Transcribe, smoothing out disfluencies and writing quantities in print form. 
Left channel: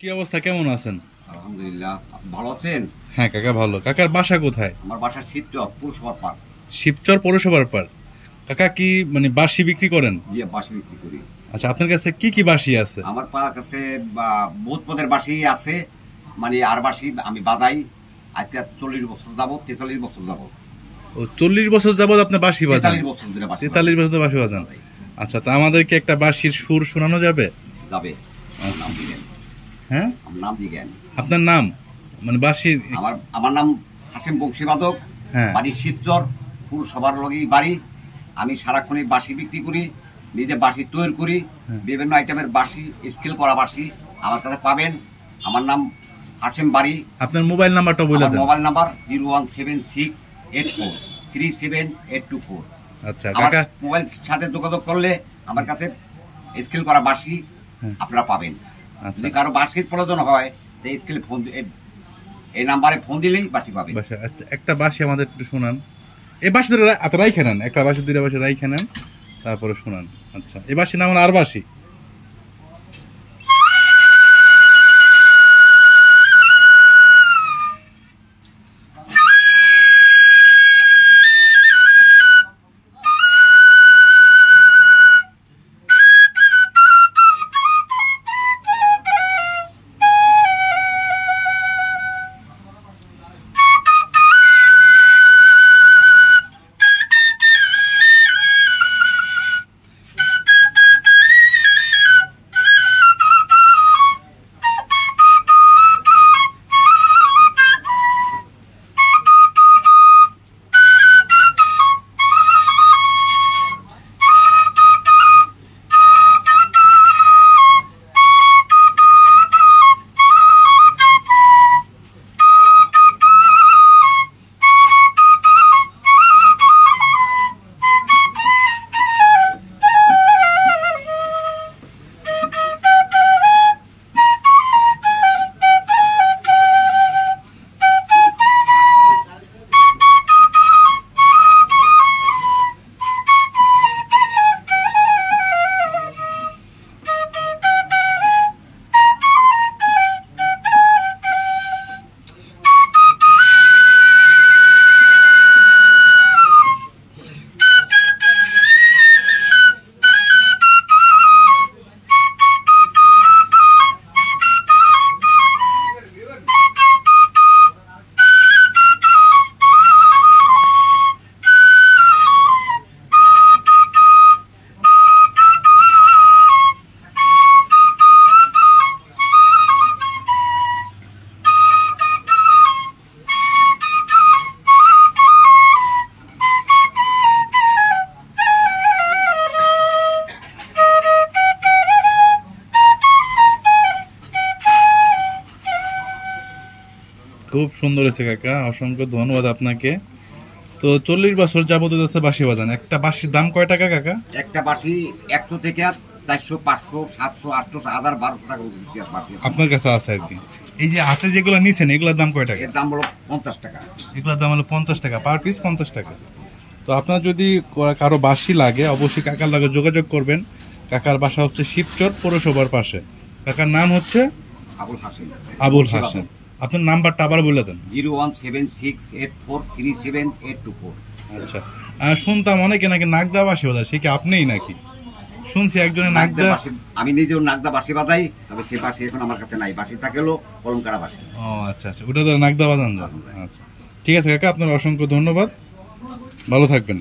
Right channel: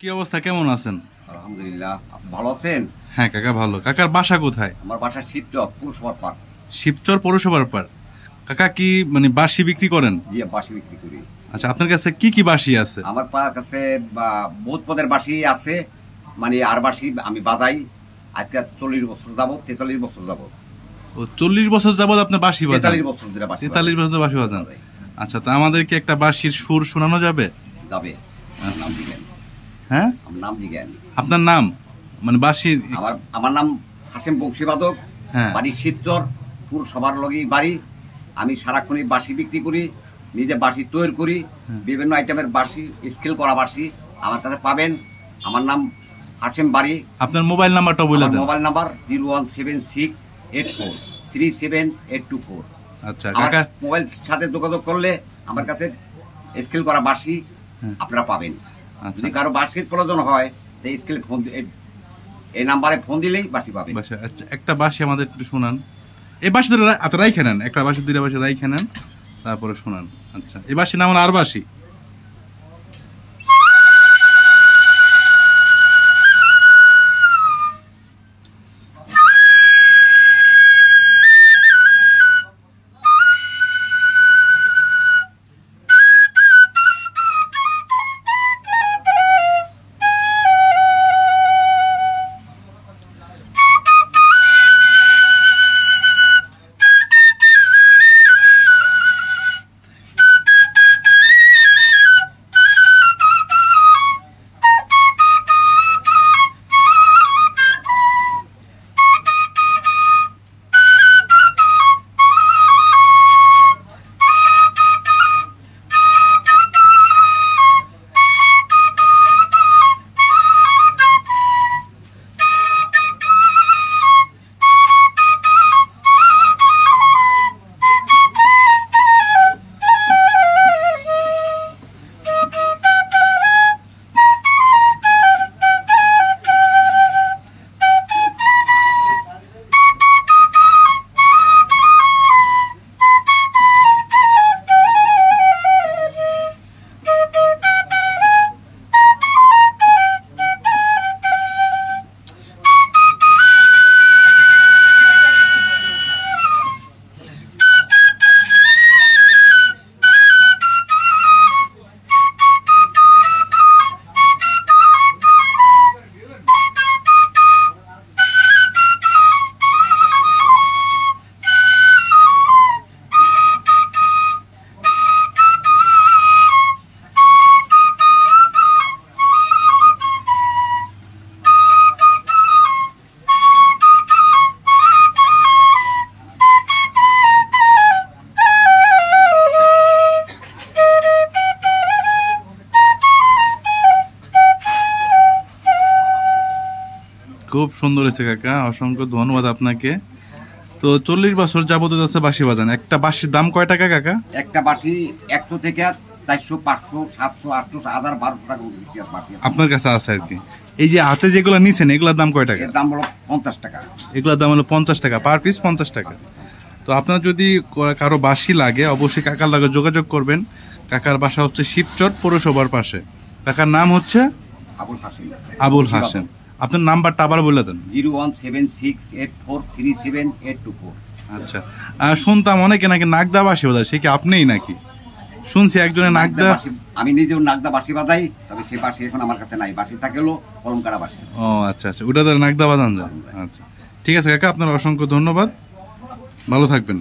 কি অবস্থা, কেমন আছেন? আলহামদুলিল্লাহ। আপনি ভালো আছেন? হ্যাঁ কাকা ভালো। কাকার বাসা কোথায়? আমার বাসা শিবচর পৌরসভার পার। শিবচর পৌরসভার পার। কাকা কি বাঁশি বিক্রি করেন? জি, বাঁশি বিক্রি করি। আচ্ছা, আপনার কাছে কি কি বাঁশি আছে? আমার কাছে বহুত পদের বাঁশি আছে, আর বাঁশি আমি বাজাই আজকে 40 বছর যাবত, 43 বছর যাবত। ও, 40 বছর যাবত আপনি বাঁশি বাজান? 43 বছর ধরে বাঁশি। 43 বছর ধরে বাঁশি বাজান। আচ্ছা, তা আমাদেরকে একটা বাঁশির সুর শোনানো যাবে? যাবে। নাম দিবেন? হ্যাঁ, আমার নাম দিবেন। আপনার নাম বাঁশির? আমার নাম হাসেম বংশীবাদক। হ্যাঁ। বাড়ি শিবচর পৌরসভার লগেই বাড়ি। আমি সারাক্ষণই বাঁশি বিক্রি করি, নিজে বাঁশি তৈরি করি। বিভিন্ন আইটেমের বাঁশি, স্কেল করা বাঁশি আমার কাছে পাবেন। আমার নাম হাসেম বাড়ি। আপনার মোবাইল নাম্বারটা বলে দেন। Mobile number 01768437824। আচ্ছা কাকা, মোবাইল সাথে যোগাযোগ করলে আমার কাছে স্কেল করা বাঁশি আপনারা পাবেন। যদি কারো বাঁশির প্রয়োজন হয় তো স্কেল ফোন, এই নাম্বারে ফোন দিলেই বাঁশি পাবেন। আচ্ছা, একটা বাঁশি আমাদের একটু শোনান। এই বাঁশি ধরে রাইখে নেন, একটা বাঁশি দুইটা বাঁশি রাইখে নেন, তারপরে শোনান। আচ্ছা, এই বাঁশি নাম হলো আর বাঁশি। খুব সুন্দর হয়েছে কাকা, অসংখ্য ধন্যবাদ আপনাকে। তো 40 বছর যাবত আছে বাঁশি বাজান। একটা বাঁশির দাম কয় টাকা কাকা? একটা বাঁশি 100 থেকে 400, 500, 700, 800, 1000, 1200 টাকা বাঁশি আপনার কাছে আছে আর কি। এই যে হাতে যেগুলো নিছেন এগুলোর দাম কয় টাকা? এর দাম হলো 50 টাকা। এগুলোর দাম হলো 50 টাকা, পার পিস 50 টাকা। তো আপনার যদি কারো বাঁশি লাগে অবশ্যই কাকার লাগে যোগাযোগ করবেন। কাকার বাসা হচ্ছে শিবচর পৌরসভার পাশে। কাকার নাম হচ্ছে আবুল হাসেম। আবুল হাসেম। আপনার নাম্বারটা আবার বলে দেন। 01768437824। আচ্ছা, শুনতাম অনেকে নাকি নাগদা বাঁশি বাজায়, সে কি আপনিই নাকি? শুনছি একজনের নাগদা। আমি নিজেও নাগদা বাঁশি বাজাই, তবে সে বাঁশি এখন আমার কাছে নাই। বাঁশি থাকলেও কলমকারা বাঁশি। ও আচ্ছা, ওটা নাগদা বাজান যায়। আচ্ছা, ঠিক আছে কাকা, আপনার অসংখ্য ধন্যবাদ, ভালো থাকবেন।